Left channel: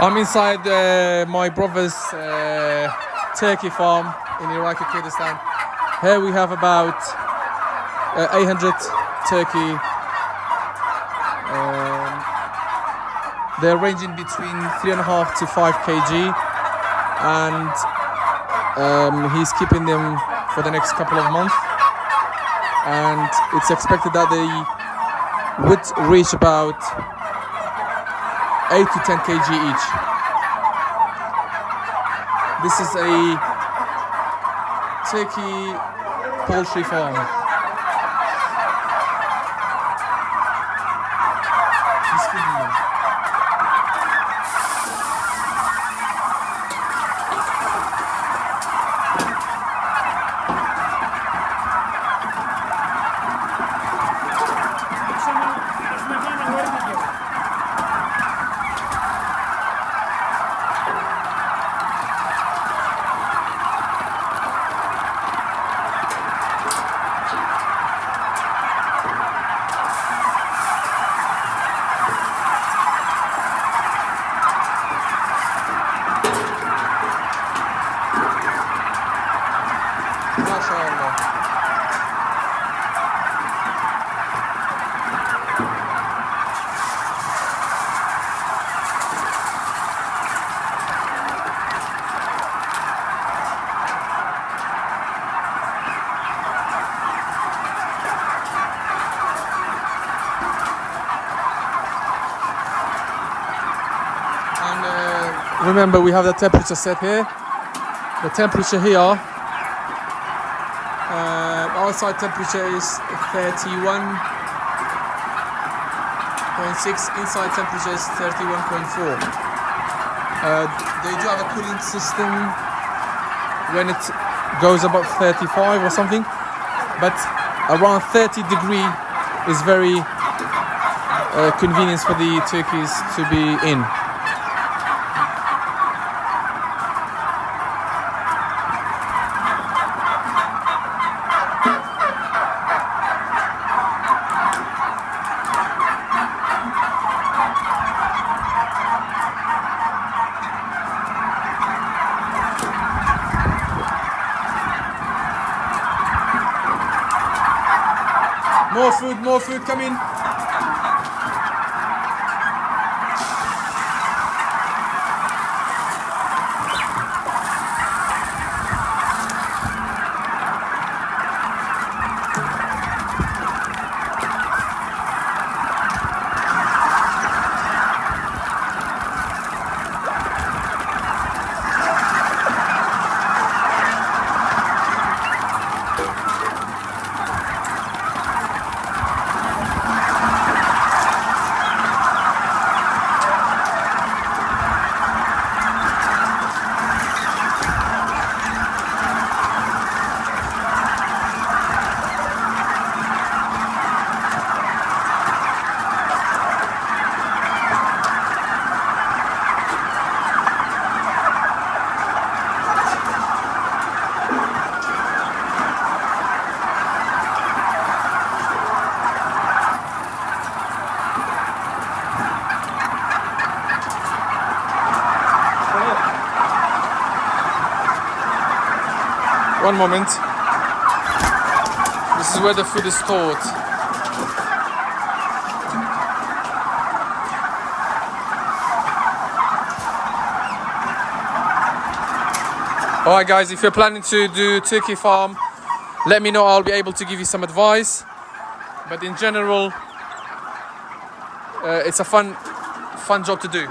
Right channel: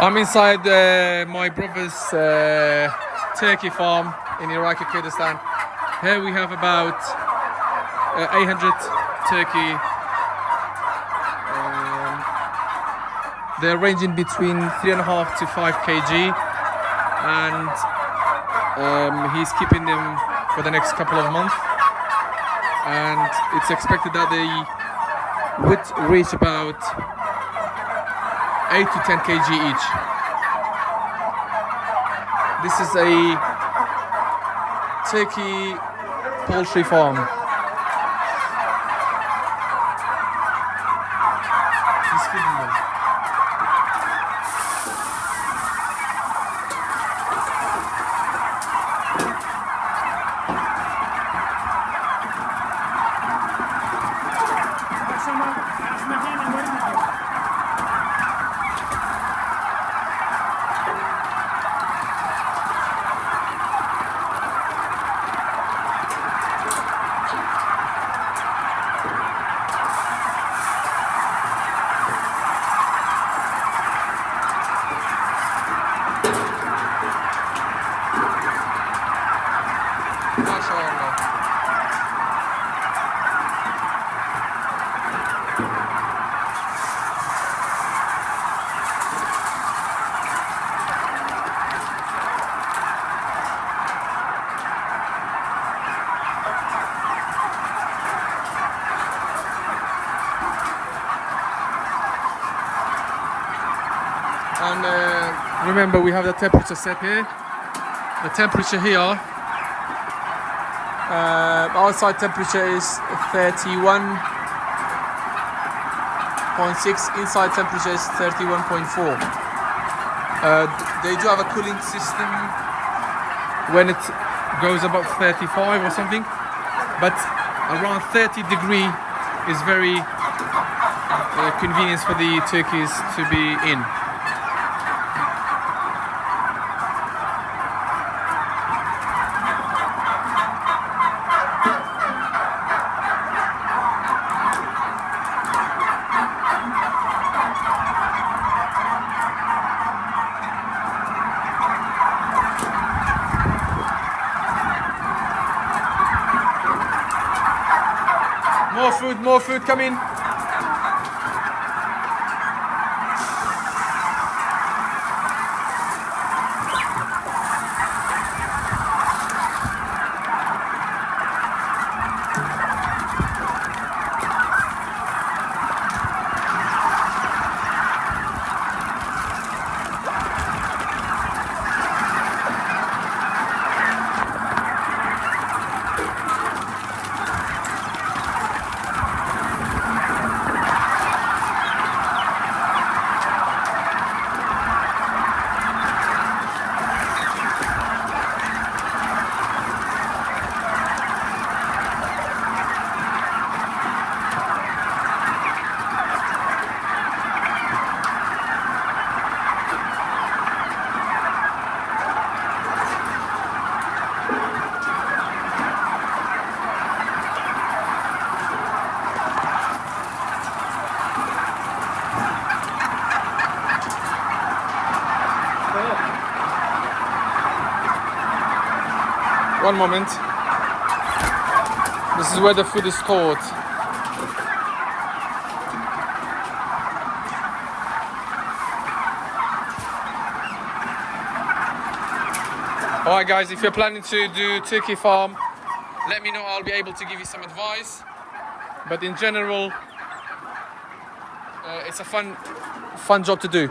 I'm inside my brother's turkey farm in Iraqi Kurdistan. Here we have about 800 turkey. They're ranging between 3.5 to 5 kg, and he's keeping them for the next couple of months. And it's expected that they would reach about 8 to 10 kg each. This is a turkey poultry farm. He's feeding them. And remember, we have the temperature set here. The temperature here, outside temperature is 31.6, inside temperature is 31.4. They do have a cooling system when it goes above 35 or something, but around 30 degree is very convenient for the turkeys to be in. More food coming. One moment. This is where the food is stored. Alright guys, if you're planning to do turkey farm, let me know. I'll be able to give you some advice. But in general, it's a fun job to do.